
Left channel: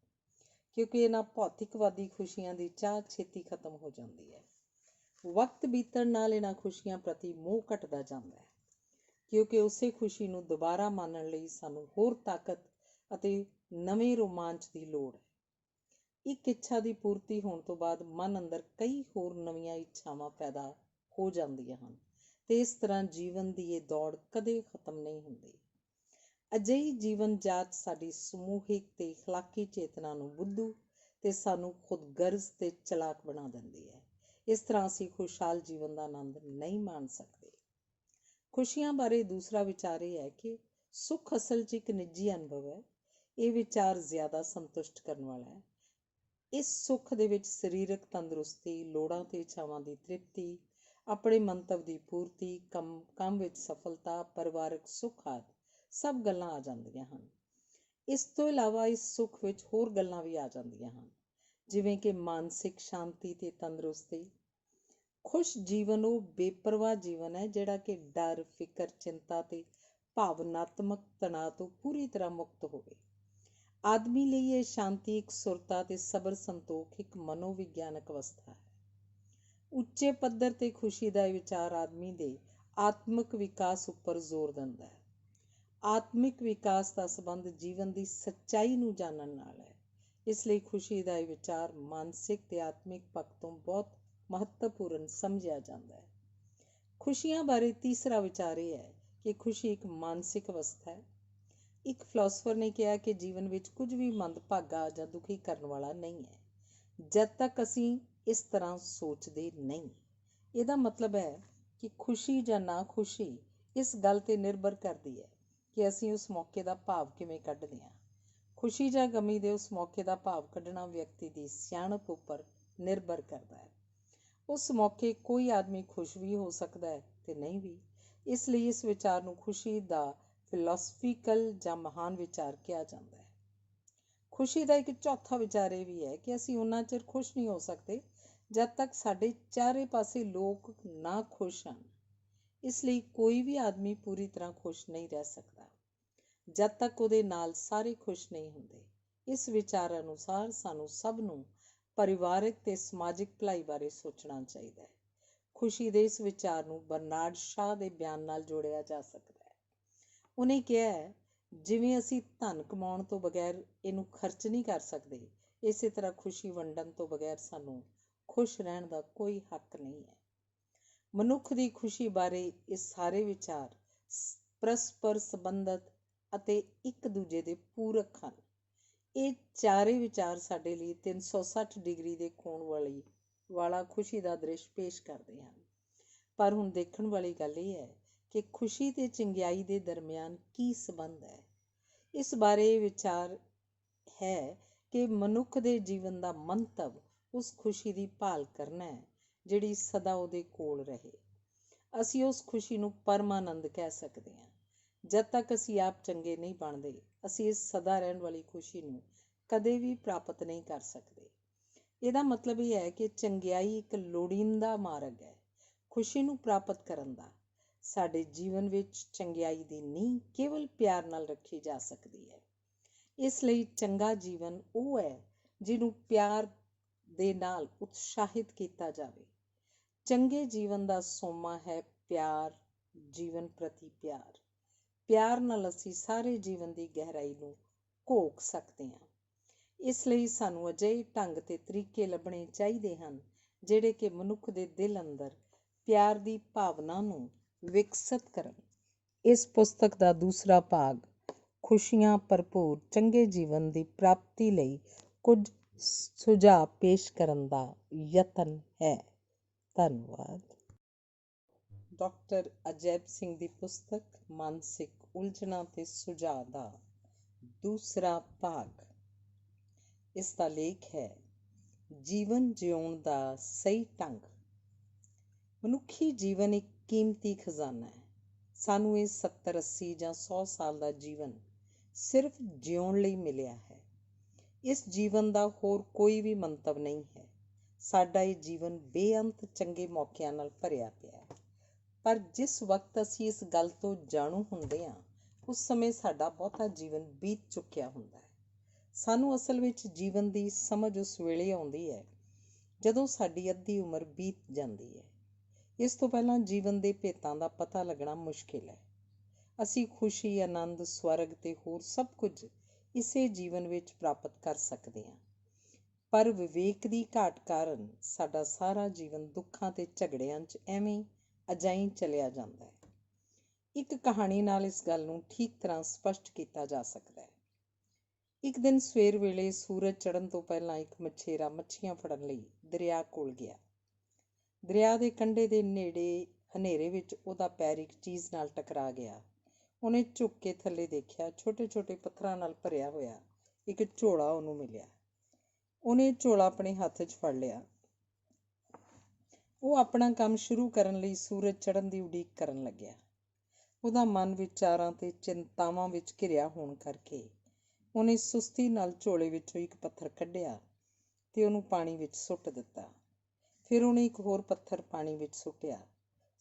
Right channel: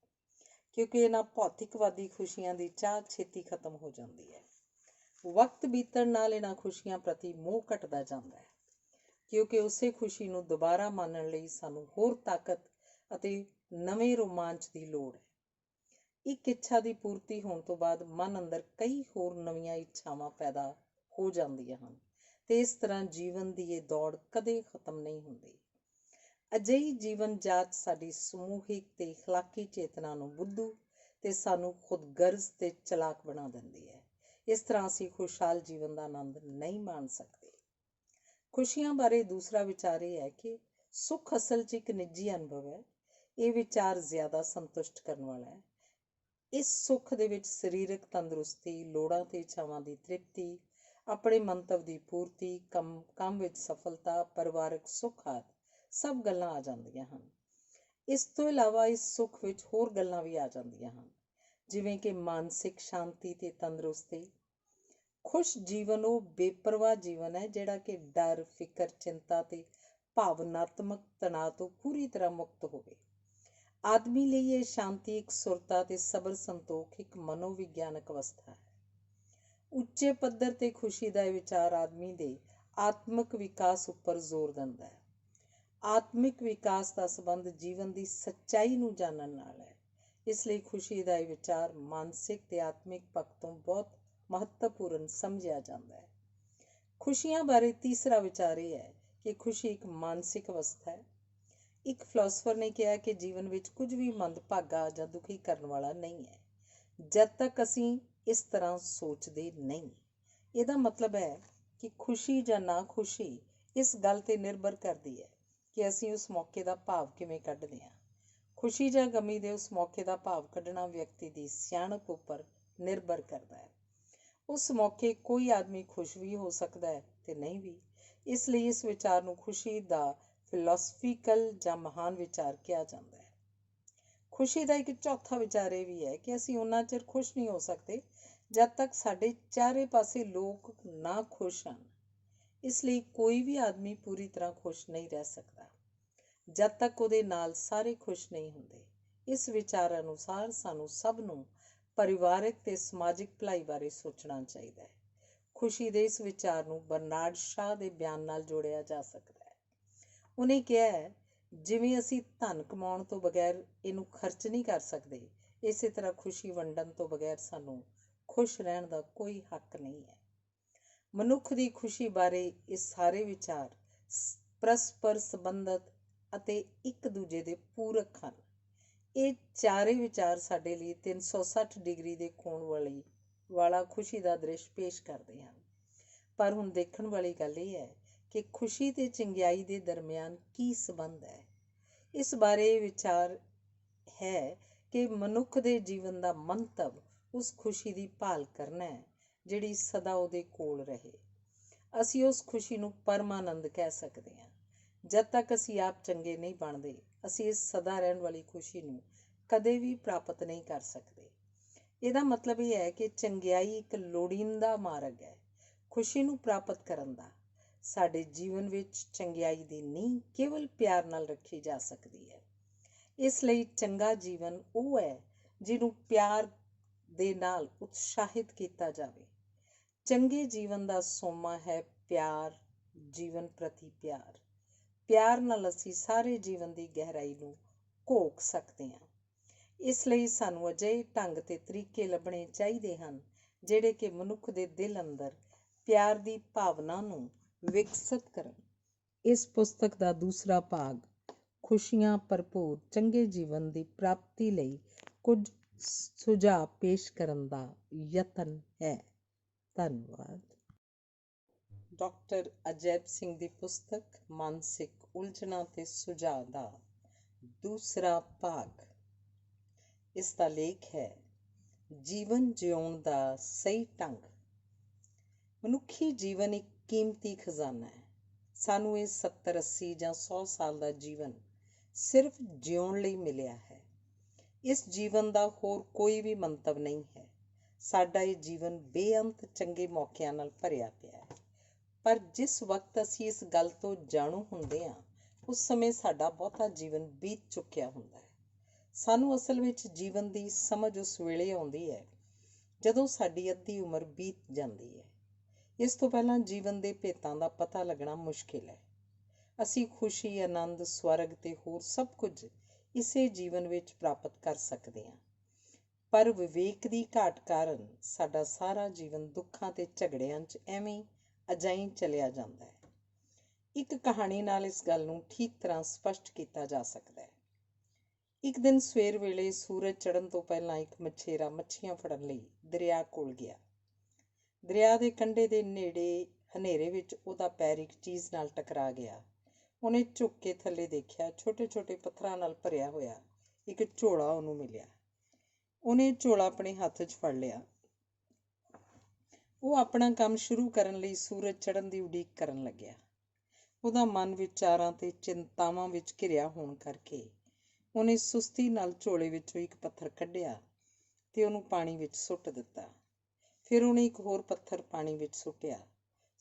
ਕਿਉਂਕਿ ਇਹਨਾਂ ਭੌਤਿਕਵਾਦੀ ਖੁਸ਼ੀਆਂ ਦੀ ਚਾਹ ਛੇਤੀ ਖਤਮ ਹੋ ਜਾਂਦੀ ਹੈ। ਵਕਤ ਬੀਤਣ ਨਾਲ ਇਹਨਾਂ ਖੁਸ਼ੀਆਂ ਪ੍ਰਤੀ ਮੋਹ ਘਟਦਾ ਜਾਂਦਾ ਹੈ, ਕਿਉਂਕਿ ਉਸੇ ਖੁਸ਼ੀ ਨੂੰ ਦੁਬਾਰਾ ਮਾਣਨ ਲਈ ਸਾਨੂੰ ਹੋਰ ਤਾਕਤ ਅਤੇ ਨਵੇਂ ਰੋਮਾਂਚ ਦੀ ਲੋੜ ਹੈ। ਇੱਕ ਇੱਛਾ ਦੀ ਪੂਰਤੀ ਹੋਣ ਤੋਂ ਬਾਅਦ ਮਨ ਅੰਦਰ ਕਈ ਹੋਰ ਨਵੀਆਂ ਇੱਛਾਵਾਂ ਪੈਦਾ ਹੋ ਜਾਂਦੀਆਂ ਹਨ ਤੇ ਇਸ ਤਰ੍ਹਾਂ ਜੀਵਨ ਦੀ ਇਹ ਦੌੜ ਕਦੇ ਖਤਮ ਨਹੀਂ ਹੁੰਦੀ। ਅਜਿਹੀ ਜੀਵਨ ਜਾਚ ਸਾਡੀ ਸਮੂਹਿਕ ਤੇ ਅਖਲਾਕੀ ਚੇਤਨਾ ਨੂੰ ਬੁੱਧੂ ਤੇ ਸਾਨੂੰ ਖੁਦਗਰਜ਼ ਤੇ ਚਲਾਕ ਬਣਾ ਦਿੰਦੀ ਹੈ। ਇਸ ਤਰ੍ਹਾਂ ਅਸੀਂ ਖੁਸ਼ਹਾਲ ਜੀਵਨ ਦਾ ਆਨੰਦ ਨਹੀਂ ਮਾਣ ਸਕਦੇ। ਖੁਸ਼ੀਆਂ ਬਾਰੇ ਦੂਸਰਾ ਵਿਚਾਰ ਇਹ ਹੈ ਕਿ ਸੁੱਖ ਅਸਲ 'ਚ ਇੱਕ ਨਿੱਜੀ ਅਨੁਭਵ ਹੈ। ਇਹ ਵਿਚਾਰ ਜ਼ਿਆਦਾ ਸੰਤੁਸ਼ਟ ਕਰਨ ਵਾਲਾ ਹੈ। ਇਸ ਸੁੱਖ ਦੇ ਵਿੱਚ ਸਰੀਰਕ ਤੰਦਰੁਸਤੀ, ਲੋੜਾਂ ਤੇ ਇੱਛਾਵਾਂ ਦੀ ਤ੍ਰਿਪਤੀ, ਆਪਣੇ ਮੰਤਵ ਦੀ ਪੂਰਤੀ, ਕੰਮ ਵਿੱਚ ਸਫਲਤਾ, ਪਰਿਵਾਰਕ ਸੁੱਖ ਆਦਿ ਸਭ ਗੱਲਾਂ ਆ ਜਾਂਦੀਆਂ ਹਨ। ਇਸ ਤੋਂ ਇਲਾਵਾ ਇਸ ਸੁੱਖ ਵਿੱਚ ਹੋਰ ਗੱਲਾਂ ਵੀ ਆ ਜਾਂਦੀਆਂ ਹਨ, ਜਿਵੇਂ ਕਿ ਮਾਨਸਿਕ ਸ਼ਾਂਤੀ ਤੇ ਤੰਦਰੁਸਤੀ। ਖੁਸ਼ ਜੀਵਨ ਉਹ ਬੇਪਰਵਾਹ ਜੀਵਨ ਹੈ ਜਿਹੜਾ ਕਿ ਡਰ, ਫਿਕਰ, ਚਿੰਤਾ ਤੇ ਭਾਵਨਾਤਮਕ ਤਣਾਅ ਤੋਂ ਪੂਰੀ ਤਰ੍ਹਾਂ ਮੁਕਤ ਹੋਵੇ। ਆਦਮੀ ਲਈ ਇਹ ਸ਼ਾਂਤੀ, ਇਕਸੁਰਤਾ ਤੇ ਸਬਰ ਸੰਤੋਖ ਇੱਕ ਮਨੋਵਿਗਿਆਨਕ ਅਵਸਥਾ ਹੈ। ਉੱਚੇ ਪੱਧਰ ਤੇ ਖੁਸ਼ੀ ਦਾ ਇਹ ਵਿਚਾਰ ਆਦਮੀ ਦੇ ਆਤਮਿਕ ਵਿਕਾਸ ਉੱਪਰ ਜ਼ੋਰ ਦਿੰਦਾ ਹੈ। ਆਤਮਿਕ ਵਿਕਾਸ ਦਾ ਸੰਬੰਧ ਜੀਵਨ ਦੀ ਸੱਚਾਈ ਨੂੰ ਜਾਣਨ ਨਾਲ ਹੈ। ਇਸ ਲਈ ਖੁਸ਼ੀ ਦਾ ਇਹ ਵਿਚਾਰ ਮਾਨਸਿਕ ਤੇ ਆਤਮਿਕ ਪੱਖ ਤੋਂ ਬਹੁਤ ਮਹੱਤਵਪੂਰਨ ਸਮਝਿਆ ਜਾਂਦਾ ਹੈ। ਖੁਸ਼ੀਆਂ ਬਾਰੇ ਤੀਸਰਾ ਵਿਚਾਰ ਇਹ ਹੈ ਕਿ ਖੁਸ਼ੀ ਇੱਕ ਮਾਨਸਿਕ ਅਵਸਥਾ ਹੈ। ਇੱਕ ਫਿਲਾਸਫਰ ਨੇ ਕਿਹਾ ਕਿ ਜੀਵਨ ਵਿੱਚ ਕੁਝ ਵੀ ਮੰਦਭਾਗਾ ਜਾਂ ਦੁਖੀ ਕਰਨ ਵਾਲਾ ਨਹੀਂ ਹੈ ਜਦ ਤੱਕ ਅਸੀਂ ਇਸ ਤਰ੍ਹਾਂ ਸੋਚਦੇ ਨਹੀਂ। ਇਹਦਾ ਮਤਲਬ ਹੈ ਕਿ ਖੁਸ਼ੀ ਜਾਂ ਨਾ ਖੁਸ਼ੀ ਇਸ ਗੱਲ ਤੇ ਨਿਰਭਰ ਕਰਦੀ ਹੈ ਕਿ ਅਸੀਂ ਉਸ ਮੌਕੇ ਦਾ ਭਾਵ ਕਿਵੇਂ ਕੱਢਦੇ ਹਾਂ। ਖੁਸ਼ੀ ਜਾਂ ਗਮੀ ਦੇ ਉਸ ਮੌਕੇ ਦਾ ਭਾਵ ਕੱਢਣਾ ਵਿਅਕਤੀ ਦੀ ਸਿਆਣਪ ਉੱਪਰ ਨਿਰਭਰ ਕਰਦਾ ਹੈ। ਉਸ ਮੌਕੇ ਕੋਈ ਆਦਮੀ ਖੁਸ਼ ਵੀ ਹੋ ਸਕਦਾ ਹੈ ਤੇ ਨਹੀਂ ਵੀ। ਇਸ ਲਈ ਇਸ ਵਿਚਾਰ ਨੂੰ ਖੁਸ਼ੀ ਦਾ ਫਿਲਾਸਫੀਕਲ ਜਾਂ ਮਹਾਨ ਵਿਚਾਰ ਕਿਹਾ ਜਾਂਦਾ ਹੈ। ਖੁਸ਼ੀ ਦਾ ਇੱਕ ਚੌਥਾ ਵਿਚਾਰ ਇਹ ਵੀ ਹੈ ਕਿ ਅਸੀਂ ਓਨਾ ਚਿਰ ਖੁਸ਼ ਨਹੀਂ ਹੋ ਸਕਦੇ ਜਦ ਤੱਕ ਸਾਡੇ ਚਾਰੇ ਪਾਸੇ ਲੋਕ ਨਾ ਖੁਸ਼ ਹਨ। ਇਸ ਲਈ ਕੋਈ ਵੀ ਆਦਮੀ ਪੂਰੀ ਤਰ੍ਹਾਂ ਖੁਸ਼ ਨਹੀਂ ਰਹਿ ਸਕਦਾ ਜਦ ਤੱਕ ਉਹਦੇ ਨਾਲ ਸਾਰੇ ਖੁਸ਼ ਨਹੀਂ ਹੁੰਦੇ। ਇਸ ਵਿਚਾਰ ਅਨੁਸਾਰ ਸਾਨੂੰ ਸਭ ਨੂੰ ਪਰਿਵਾਰਕ ਤੇ ਸਮਾਜਿਕ ਭਲਾਈ ਬਾਰੇ ਸੋਚਣਾ ਚਾਹੀਦਾ ਹੈ। ਖੁਸ਼ੀ ਦੇ ਇਸ ਵਿਚਾਰ ਨੂੰ ਬਰਨਾਰਡ ਸ਼ਾਹ ਦੇ ਬਿਆਨ ਨਾਲ ਜੋੜਿਆ ਜਾ ਸਕਦਾ ਹੈ। ਉਹਨੇ ਕਿਹਾ ਹੈ, ਜਿਵੇਂ ਅਸੀਂ ਧਨ ਕਮਾਉਣ ਤੋਂ ਬਗੈਰ ਇਹਨੂੰ ਖਰਚ ਨਹੀਂ ਕਰ ਸਕਦੇ, ਇਸੇ ਤਰ੍ਹਾਂ ਖੁਸ਼ੀ ਵੰਡਣ ਤੋਂ ਬਗੈਰ ਸਾਨੂੰ ਖੁਸ਼ ਰਹਿਣ ਦਾ ਕੋਈ ਹੱਕ ਨਹੀਂ ਹੈ। ਮਨੁੱਖ ਦੀ ਖੁਸ਼ੀ ਬਾਰੇ ਇਹ ਸਾਰੇ ਵਿਚਾਰ ਪਰਸਪਰ ਸੰਬੰਧਿਤ ਅਤੇ ਇੱਕ ਦੂਜੇ ਦੇ ਪੂਰਕ ਹਨ। ਇਹ ਚਾਰੇ ਵਿਚਾਰ ਸਾਡੇ ਲਈ 360 ਡਿਗਰੀ ਦੇ ਕੋਣ ਵਾਲਾ ਖੁਸ਼ੀ ਦਾ ਦ੍ਰਿਸ਼ ਪੇਸ਼ ਕਰਦੇ ਹਨ। ਪਰ ਹੁਣ ਦੇਖਣ ਵਾਲੀ ਗੱਲ ਇਹ ਹੈ ਕਿ ਖੁਸ਼ੀ ਤੇ ਚੰਗਿਆਈ ਦੇ ਦਰਮਿਆਨ ਕੀ ਸੰਬੰਧ ਹੈ। ਇਸ ਬਾਰੇ ਇਹ ਵਿਚਾਰ ਹੈ ਕਿ ਮਨੁੱਖ ਦੇ ਜੀਵਨ ਦਾ ਮੰਤਵ ਉਸ ਖੁਸ਼ੀ ਦੀ ਭਾਲ ਕਰਨਾ ਹੈ ਜਿਹੜੀ ਸਦਾ ਉਹਦੇ ਕੋਲ ਰਹੇ। ਅਸੀਂ ਉਸ ਖੁਸ਼ੀ ਨੂੰ ਪਰਮਾਨੰਦ ਕਹਿ ਸਕਦੇ ਹਾਂ। ਜਦ ਤੱਕ ਅਸੀਂ ਆਪ ਚੰਗੇ ਨਹੀਂ ਬਣਦੇ, ਅਸੀਂ ਇਸ ਸਦਾ ਰਹਿਣ ਵਾਲੀ ਖੁਸ਼ੀ ਨੂੰ ਕਦੇ ਵੀ ਪ੍ਰਾਪਤ ਨਹੀਂ ਕਰ ਸਕਦੇ। ਇਹਦਾ ਮਤਲਬ ਇਹ ਹੈ ਕਿ ਚੰਗਿਆਈ ਇੱਕ ਲੋੜੀਂਦਾ ਮਾਰਗ ਹੈ ਖੁਸ਼ੀ ਨੂੰ ਪ੍ਰਾਪਤ ਕਰਨ ਦਾ। ਸਾਡੇ ਜੀਵਨ ਵਿੱਚ ਚੰਗਿਆਈ ਦੀ ਨੀਂਹ ਕੇਵਲ ਪਿਆਰ ਨਾਲ ਰੱਖੀ ਜਾ ਸਕਦੀ ਹੈ। ਇਸ ਲਈ ਚੰਗਾ ਜੀਵਨ ਉਹ ਹੈ ਜਿਹਨੂੰ ਪਿਆਰ ਦੇ ਨਾਲ ਉਤਸ਼ਾਹਿਤ ਕੀਤਾ ਜਾਵੇ। ਚੰਗੇ ਜੀਵਨ ਦਾ ਸੋਮਾ ਹੈ ਪਿਆਰ, ਜੀਵਨ ਪ੍ਰਤੀ ਪਿਆਰ। ਪਿਆਰ ਨਾਲ ਅਸੀਂ ਸਾਰੇ ਜੀਵਨ ਦੀ ਗਹਿਰਾਈ ਨੂੰ ਘੋਖ ਸਕਦੇ ਹਾਂ। ਇਸ ਲਈ ਸਾਨੂੰ ਅਜਿਹੇ ਢੰਗ ਤੇ ਤਰੀਕੇ ਲੱਭਣੇ ਚਾਹੀਦੇ ਹਨ ਜਿਹੜੇ ਕਿ ਮਨੁੱਖ ਦੇ ਦਿਲ ਅੰਦਰ ਪਿਆਰ ਦੀ ਭਾਵਨਾ ਨੂੰ ਵਿਕਸਿਤ ਕਰਨ। ਇਸ ਪੁਸਤਕ ਦਾ ਦੂਸਰਾ ਭਾਗ ਖੁਸ਼ੀਆਂ ਭਰਪੂਰ ਚੰਗੇ ਜੀਵਨ ਦੀ ਪ੍ਰਾਪਤੀ ਲਈ ਕੁਝ ਸੁਝਾਅ ਪੇਸ਼ ਕਰਨ ਦਾ ਯਤਨ ਹੈ। ਧੰਨਵਾਦ। ਡਾਕਟਰ ਅਜੈਬ ਸਿੰਘ ਦੀ ਪੁਸਤਕ ਮਾਨਸਿਕ ਉਲਝਣਾਂ ਤੇ ਸੁਝਾਅ ਦਾ ਦੂਸਰਾ ਭਾਗ। ਇਸ ਦਾ ਲੇਖ ਹੈ ਜੀਵਨ ਜਿਉਣ ਦਾ ਸਹੀ ਢੰਗ। ਮਨੁੱਖੀ ਜੀਵਨ ਇੱਕ ਕੀਮਤੀ ਖਜ਼ਾਨਾ ਹੈ। ਸਾਨੂੰ ਇਹ 70, 80 ਜਾਂ 100 ਸਾਲ ਦਾ ਜੀਵਨ ਸਿਰਫ ਜਿਉਣ ਲਈ ਮਿਲਿਆ ਹੈ। ਇਸ ਜੀਵਨ ਦਾ ਹੋਰ ਕੋਈ ਵੀ ਮੰਤਵ ਨਹੀਂ ਹੈ। ਸਾਡਾ ਇਹ ਜੀਵਨ ਬੇਅੰਤ ਚੰਗੇ ਮੌਕਿਆਂ ਨਾਲ ਭਰਿਆ ਪਿਆ ਹੈ। ਪਰ ਜਿਸ ਵਕਤ ਅਸੀਂ ਇਸ ਗੱਲ ਤੋਂ ਜਾਣੂ ਹੁੰਦੇ ਹਾਂ, ਉਸ ਸਮੇਂ ਸਾਡਾ ਬਹੁਤਾ ਜੀਵਨ ਬੀਤ ਚੁੱਕਿਆ ਹੁੰਦਾ ਹੈ। ਸਾਨੂੰ ਅਸਲ ਵਿੱਚ ਜੀਵਨ ਦੀ ਸਮਝ ਉਸ ਵੇਲੇ ਆਉਂਦੀ ਹੈ ਜਦੋਂ ਸਾਡੀ ਅੱਧੀ ਉਮਰ ਬੀਤ ਜਾਂਦੀ ਹੈ। ਇਸ ਤੋਂ ਪਹਿਲਾਂ ਜੀਵਨ ਦੇ ਭੇਤਾਂ ਦਾ ਪਤਾ ਲੱਗਣਾ ਮੁਸ਼ਕਿਲ ਹੈ। ਅਸੀਂ ਖੁਸ਼ੀ, ਆਨੰਦ, ਸਵਰਗ ਤੇ ਹੋਰ ਸਭ ਕੁਝ ਇਸੇ ਜੀਵਨ ਵਿੱਚ ਪ੍ਰਾਪਤ ਕਰ ਸਕਦੇ ਹਾਂ। ਪਰ ਵਿਵੇਕ ਦੀ ਘਾਟ ਕਾਰਨ ਸਾਡਾ ਸਾਰਾ ਜੀਵਨ ਦੁੱਖਾਂ ਤੇ ਝਗੜਿਆਂ 'ਚ ਐਵੇਂ ਅਜਾਈਂ ਚਲਿਆ ਜਾਂਦਾ ਹੈ। ਇੱਕ ਕਹਾਣੀ ਨਾਲ ਇਸ ਗੱਲ ਨੂੰ ਠੀਕ ਤਰ੍ਹਾਂ ਸਪਸ਼ਟ ਕੀਤਾ ਜਾ ਸਕਦਾ ਹੈ। ਇੱਕ ਦਿਨ ਸਵੇਰ ਵੇਲੇ ਸੂਰਜ ਚੜ੍ਹਨ ਤੋਂ ਪਹਿਲਾਂ ਇੱਕ ਮਛੇਰਾ ਮੱਛੀਆਂ ਫੜਨ ਲਈ ਦਰਿਆ ਕੋਲ ਗਿਆ। ਦਰਿਆ ਦੇ ਕੰਢੇ ਦੇ ਨੇੜੇ ਹਨੇਰੇ ਵਿੱਚ ਉਹਦਾ ਪੈਰ ਇੱਕ ਚੀਜ਼ ਨਾਲ ਟਕਰਾ ਗਿਆ। ਉਹਨੇ ਝੁੱਕ ਕੇ ਥੱਲੇ ਦੇਖਿਆ। ਛੋਟੇ ਛੋਟੇ ਪੱਥਰਾਂ ਨਾਲ ਭਰਿਆ ਹੋਇਆ ਇੱਕ ਝੋਲਾ ਉਹਨੂੰ ਮਿਲਿਆ। ਉਹਨੇ ਝੋਲਾ ਆਪਣੇ ਹੱਥ 'ਚ ਫੜ ਲਿਆ। ਉਹ ਆਪਣਾ ਕੰਮ ਸ਼ੁਰੂ ਕਰਨ ਲਈ ਸੂਰਜ ਚੜ੍ਹਨ ਦੀ ਉਡੀਕ ਕਰਨ ਲੱਗਿਆ। ਉਹਦਾ ਮਨ ਵਿਚਾਰਾਂ ਤੇ ਚਿੰਤਾਵਾਂ ਵਿੱਚ ਘਿਰਿਆ ਹੋਣ ਕਰਕੇ ਉਹਨੇ ਸੁਸਤੀ ਨਾਲ ਝੋਲੇ ਵਿੱਚੋਂ ਇੱਕ ਪੱਥਰ ਕੱਢਿਆ ਤੇ ਉਹਨੂੰ ਪਾਣੀ ਵਿੱਚ ਸੁੱਟ ਦਿੱਤਾ। ਫਿਰ ਉਹਨੇ ਇੱਕ ਹੋਰ ਪੱਥਰ ਪਾਣੀ ਵਿੱਚ ਸੁੱਟਿਆ।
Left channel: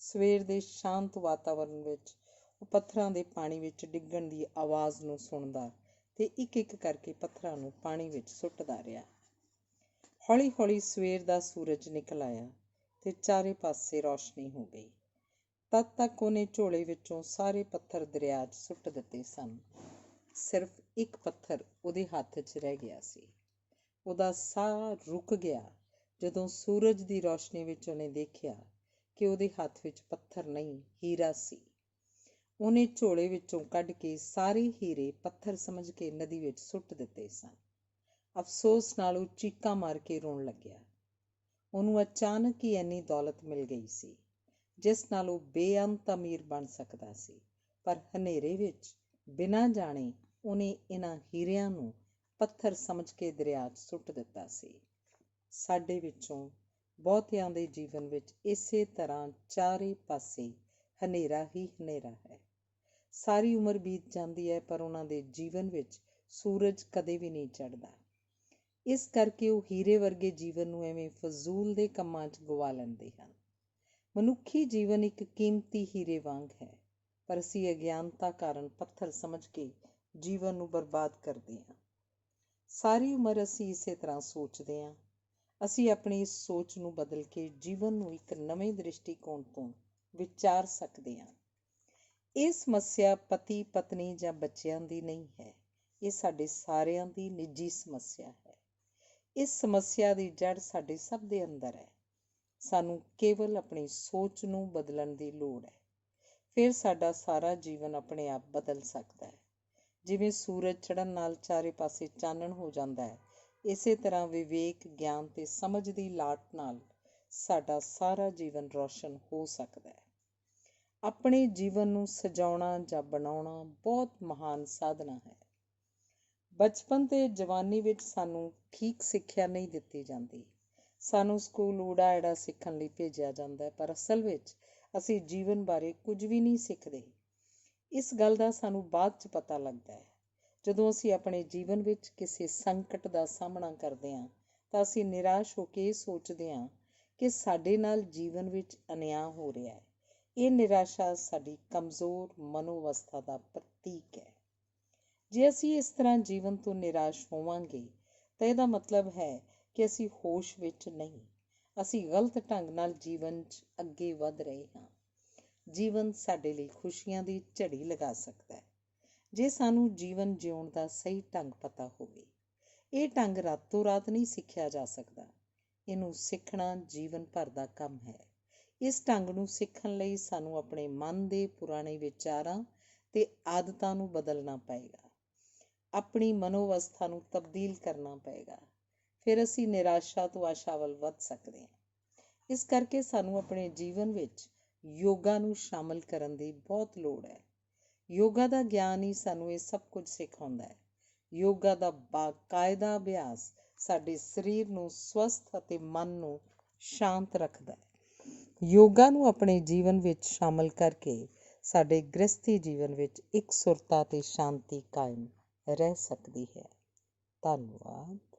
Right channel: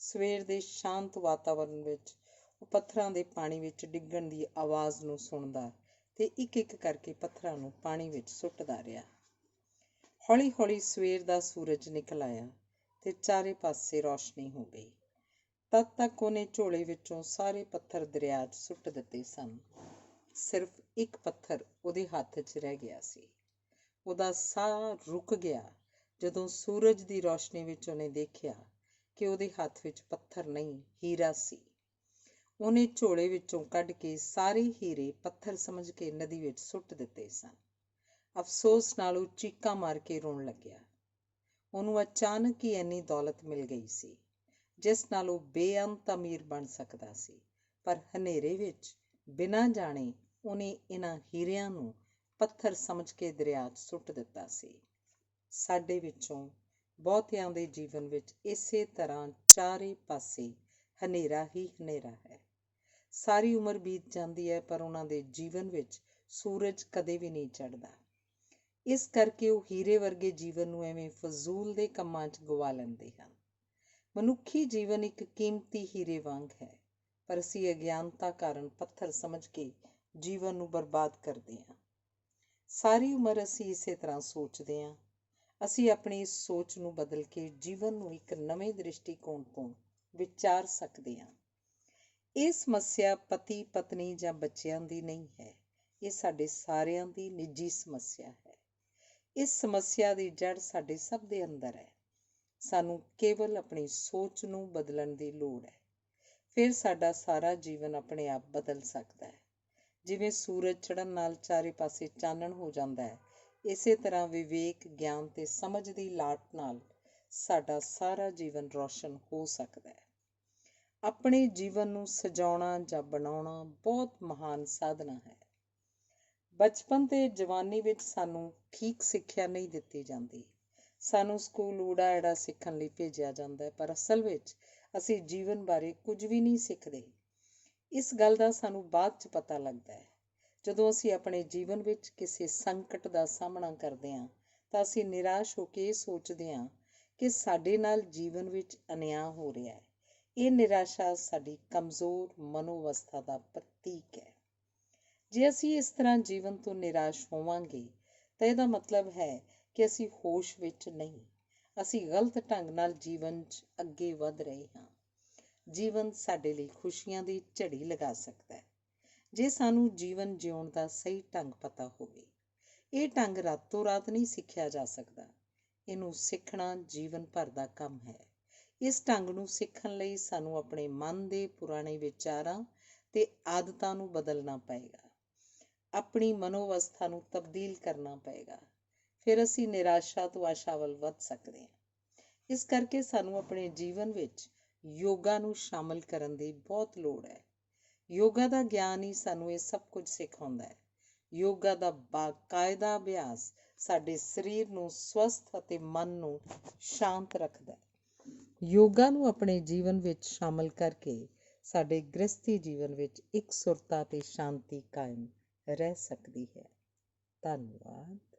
ਸਵੇਰ ਦੇ ਸ਼ਾਂਤ ਵਾਤਾਵਰਨ ਵਿੱਚ ਉਹ ਪੱਥਰਾਂ ਦੇ ਪਾਣੀ ਵਿੱਚ ਡਿੱਗਣ ਦੀ ਆਵਾਜ਼ ਨੂੰ ਸੁਣਦਾ ਤੇ ਇੱਕ ਇੱਕ ਕਰਕੇ ਪੱਥਰਾਂ ਨੂੰ ਪਾਣੀ ਵਿੱਚ ਸੁੱਟਦਾ ਰਿਹਾ। ਹੌਲੀ ਹੌਲੀ ਸਵੇਰ ਦਾ ਸੂਰਜ ਨਿਕਲ ਆਇਆ ਤੇ ਚਾਰੇ ਪਾਸੇ ਰੌਸ਼ਨੀ ਹੋ ਗਈ। ਤਦ ਤੱਕ ਉਹਨੇ ਝੋਲੇ ਵਿੱਚੋਂ ਸਾਰੇ ਪੱਥਰ ਦਰਿਆ 'ਚ ਸੁੱਟ ਦਿੱਤੇ ਸਨ। ਸਿਰਫ ਇੱਕ ਪੱਥਰ ਉਹਦੇ ਹੱਥ 'ਚ ਰਹਿ ਗਿਆ ਸੀ। ਉਹਦਾ ਸਾਹ ਰੁਕ ਗਿਆ ਜਦੋਂ ਸੂਰਜ ਦੀ ਰੌਸ਼ਨੀ ਵਿੱਚ ਉਹਨੇ ਦੇਖਿਆ ਕਿ ਉਹਦੇ ਹੱਥ ਵਿੱਚ ਪੱਥਰ ਨਹੀਂ, ਹੀਰਾ ਸੀ। ਉਹਨੇ ਝੋਲੇ ਵਿੱਚੋਂ ਕੱਢ ਕੇ ਸਾਰੇ ਹੀਰੇ ਪੱਥਰ ਸਮਝ ਕੇ ਨਦੀ ਵਿੱਚ ਸੁੱਟ ਦਿੱਤੇ ਸਨ। ਅਫਸੋਸ ਨਾਲ ਉਹ ਚੀਕਾਂ ਮਾਰ ਕੇ ਰੋਣ ਲੱਗਿਆ। ਉਹਨੂੰ ਅਚਾਨਕ ਹੀ ਇੰਨੀ ਦੌਲਤ ਮਿਲ ਗਈ ਸੀ ਜਿਸ ਨਾਲ ਉਹ ਬੇਅੰਤ ਅਮੀਰ ਬਣ ਸਕਦਾ ਸੀ। ਪਰ ਹਨੇਰੇ ਵਿੱਚ ਬਿਨਾਂ ਜਾਣੇ ਉਹਨੇ ਇਹਨਾਂ ਹੀਰਿਆਂ ਨੂੰ ਪੱਥਰ ਸਮਝ ਕੇ ਦਰਿਆ 'ਚ ਸੁੱਟ ਦਿੱਤਾ ਸੀ। ਸਾਡੇ ਵਿੱਚੋਂ ਬਹੁਤਿਆਂ ਦੇ ਜੀਵਨ ਵਿੱਚ ਇਸੇ ਤਰ੍ਹਾਂ ਚਾਰੇ ਪਾਸੇ ਹਨੇਰਾ ਹੀ ਹਨੇਰਾ ਹੈ। ਸਾਰੀ ਉਮਰ ਬੀਤ ਜਾਂਦੀ ਹੈ ਪਰ ਉਹਨਾਂ ਦੇ ਜੀਵਨ ਵਿੱਚ ਸੂਰਜ ਕਦੇ ਵੀ ਨਹੀਂ ਚੜ੍ਹਦਾ। ਇਸ ਕਰਕੇ ਉਹ ਹੀਰੇ ਵਰਗੇ ਜੀਵਨ ਨੂੰ ਐਵੇਂ ਫਜ਼ੂਲ ਦੇ ਕੰਮਾਂ 'ਚ ਗਵਾ ਲੈਂਦੇ ਹਨ। ਮਨੁੱਖੀ ਜੀਵਨ ਇੱਕ ਕੀਮਤੀ ਹੀਰੇ ਵਾਂਗ ਹੈ, ਪਰ ਅਸੀਂ ਅਗਿਆਨਤਾ ਕਾਰਨ ਪੱਥਰ ਸਮਝ ਕੇ ਜੀਵਨ ਨੂੰ ਬਰਬਾਦ ਕਰਦੇ ਹਾਂ। ਸਾਰੀ ਉਮਰ ਅਸੀਂ ਇਸੇ ਤਰ੍ਹਾਂ ਸੋਚਦੇ ਹਾਂ। ਅਸੀਂ ਆਪਣੀ ਇਸ ਸੋਚ ਨੂੰ ਬਦਲ ਕੇ ਜੀਵਨ ਨੂੰ ਇੱਕ ਨਵੇਂ ਦ੍ਰਿਸ਼ਟੀਕੋਣ ਤੋਂ ਵਿਚਾਰ ਸਕਦੇ ਹਾਂ। ਇਹ ਸਮੱਸਿਆ ਪਤੀ ਪਤਨੀ ਜਾਂ ਬੱਚਿਆਂ ਦੀ ਨਹੀਂ ਹੈ, ਇਹ ਸਾਡੇ ਸਾਰਿਆਂ ਦੀ ਨਿੱਜੀ ਸਮੱਸਿਆ ਹੈ। ਇਸ ਸਮੱਸਿਆ ਦੀ ਜੜ ਸਾਡੇ ਸਭ ਦੇ ਅੰਦਰ ਹੈ। ਸਾਨੂੰ ਕੇਵਲ ਆਪਣੀ ਸੋਚ ਨੂੰ ਬਦਲਣ ਦੀ ਲੋੜ ਹੈ। ਫਿਰ ਸਾਡਾ ਸਾਰਾ ਜੀਵਨ ਆਪਣੇ ਆਪ ਬਦਲ ਸਕਦਾ ਹੈ। ਜਿਵੇਂ ਸੂਰਜ ਚੜ੍ਹਨ ਨਾਲ ਚਾਰੇ ਪਾਸੇ ਚਾਨਣ ਹੋ ਜਾਂਦਾ ਹੈ, ਇਸੇ ਤਰ੍ਹਾਂ ਵਿਵੇਕ, ਗਿਆਨ ਤੇ ਸਮਝ ਦੀ ਲਾਟ ਨਾਲ ਸਾਡਾ ਸਾਰਾ ਜੀਵਨ ਰੌਸ਼ਨ ਹੋ ਸਕਦਾ ਹੈ। ਆਪਣੇ ਜੀਵਨ ਨੂੰ ਸਜਾਉਣਾ ਜਾਂ ਬਣਾਉਣਾ ਬਹੁਤ ਮਹਾਨ ਸਾਧਨਾ ਹੈ। ਬਚਪਨ ਤੇ ਜਵਾਨੀ ਵਿੱਚ ਸਾਨੂੰ ਠੀਕ ਸਿੱਖਿਆ ਨਹੀਂ ਦਿੱਤੀ ਜਾਂਦੀ। ਸਾਨੂੰ ਸਕੂਲ ਊੜਾ ਐੜਾ ਸਿੱਖਣ ਲਈ ਭੇਜਿਆ ਜਾਂਦਾ ਹੈ, ਪਰ ਅਸਲ ਵਿੱਚ ਅਸੀਂ ਜੀਵਨ ਬਾਰੇ ਕੁਝ ਵੀ ਨਹੀਂ ਸਿੱਖਦੇ। ਇਸ ਗੱਲ ਦਾ ਸਾਨੂੰ ਬਾਅਦ 'ਚ ਪਤਾ ਲੱਗਦਾ ਹੈ। ਜਦੋਂ ਅਸੀਂ ਆਪਣੇ ਜੀਵਨ ਵਿੱਚ ਕਿਸੇ ਸੰਕਟ ਦਾ ਸਾਹਮਣਾ ਕਰਦੇ ਹਾਂ ਤਾਂ ਅਸੀਂ ਨਿਰਾਸ਼ ਹੋ ਕੇ ਇਹ ਸੋਚਦੇ ਹਾਂ ਕਿ ਸਾਡੇ ਨਾਲ ਜੀਵਨ ਵਿੱਚ ਅਨਿਆਂ ਹੋ ਰਿਹਾ ਹੈ। ਇਹ ਨਿਰਾਸ਼ਾ ਸਾਡੀ ਕਮਜ਼ੋਰ ਮਨੋਵਸਥਾ ਦਾ ਪ੍ਰਤੀਕ ਹੈ। ਜੇ ਅਸੀਂ ਇਸ ਤਰ੍ਹਾਂ ਜੀਵਨ ਤੋਂ ਨਿਰਾਸ਼ ਹੋਵਾਂਗੇ ਤਾਂ ਇਹਦਾ ਮਤਲਬ ਹੈ ਕਿ ਅਸੀਂ ਹੋਸ਼ ਵਿੱਚ ਨਹੀਂ, ਅਸੀਂ ਗਲਤ ਢੰਗ ਨਾਲ ਜੀਵਨ 'ਚ ਅੱਗੇ ਵਧ ਰਹੇ ਹਾਂ। ਜੀਵਨ ਸਾਡੇ ਲਈ ਖੁਸ਼ੀਆਂ ਦੀ ਝੜੀ ਲਗਾ ਸਕਦਾ ਹੈ, ਜੇ ਸਾਨੂੰ ਜੀਵਨ ਜਿਉਣ ਦਾ ਸਹੀ ਢੰਗ ਪਤਾ ਹੋਵੇ। ਇਹ ਢੰਗ ਰਾਤੋਂ ਰਾਤ ਨਹੀਂ ਸਿੱਖਿਆ ਜਾ ਸਕਦਾ। ਇਹਨੂੰ ਸਿੱਖਣਾ ਜੀਵਨ ਭਰ ਦਾ ਕੰਮ ਹੈ। ਇਸ ਢੰਗ ਨੂੰ ਸਿੱਖਣ ਲਈ ਸਾਨੂੰ ਆਪਣੇ ਮਨ ਦੇ ਪੁਰਾਣੇ ਵਿਚਾਰਾਂ ਤੇ ਆਦਤਾਂ ਨੂੰ ਬਦਲਣਾ ਪਏਗਾ, ਆਪਣੀ ਮਨੋਵਸਥਾ ਨੂੰ ਤਬਦੀਲ ਕਰਨਾ ਪਏਗਾ। ਫਿਰ ਅਸੀਂ ਨਿਰਾਸ਼ਾ ਤੋਂ ਆਸ਼ਾ ਵੱਲ ਵੱਧ ਸਕਦੇ ਹਾਂ। ਇਸ ਕਰਕੇ ਸਾਨੂੰ ਆਪਣੇ ਜੀਵਨ ਵਿੱਚ ਯੋਗਾ ਨੂੰ ਸ਼ਾਮਲ ਕਰਨ ਦੀ ਬਹੁਤ ਲੋੜ ਹੈ। ਯੋਗਾ ਦਾ ਗਿਆਨ ਹੀ ਸਾਨੂੰ ਇਹ ਸਭ ਕੁਝ ਸਿਖਾਉਂਦਾ ਹੈ। ਯੋਗਾ ਦਾ ਬਾਕਾਇਦਾ ਅਭਿਆਸ ਸਾਡੇ ਸਰੀਰ ਨੂੰ ਸਵਸਥ ਅਤੇ ਮਨ ਨੂੰ ਸ਼ਾਂਤ ਰੱਖਦਾ ਹੈ। ਯੋਗਾ ਨੂੰ ਆਪਣੇ ਜੀਵਨ ਵਿੱਚ ਸ਼ਾਮਲ ਕਰਕੇ ਸਾਡੇ ਗ੍ਰਸਤੀ ਜੀਵਨ ਵਿੱਚ ਇਕਸੁਰਤਾ ਤੇ ਸ਼ਾਂਤੀ ਕਾਇਮ ਰਹਿ ਸਕਦੀ ਹੈ। ਧੰਨਵਾਦ।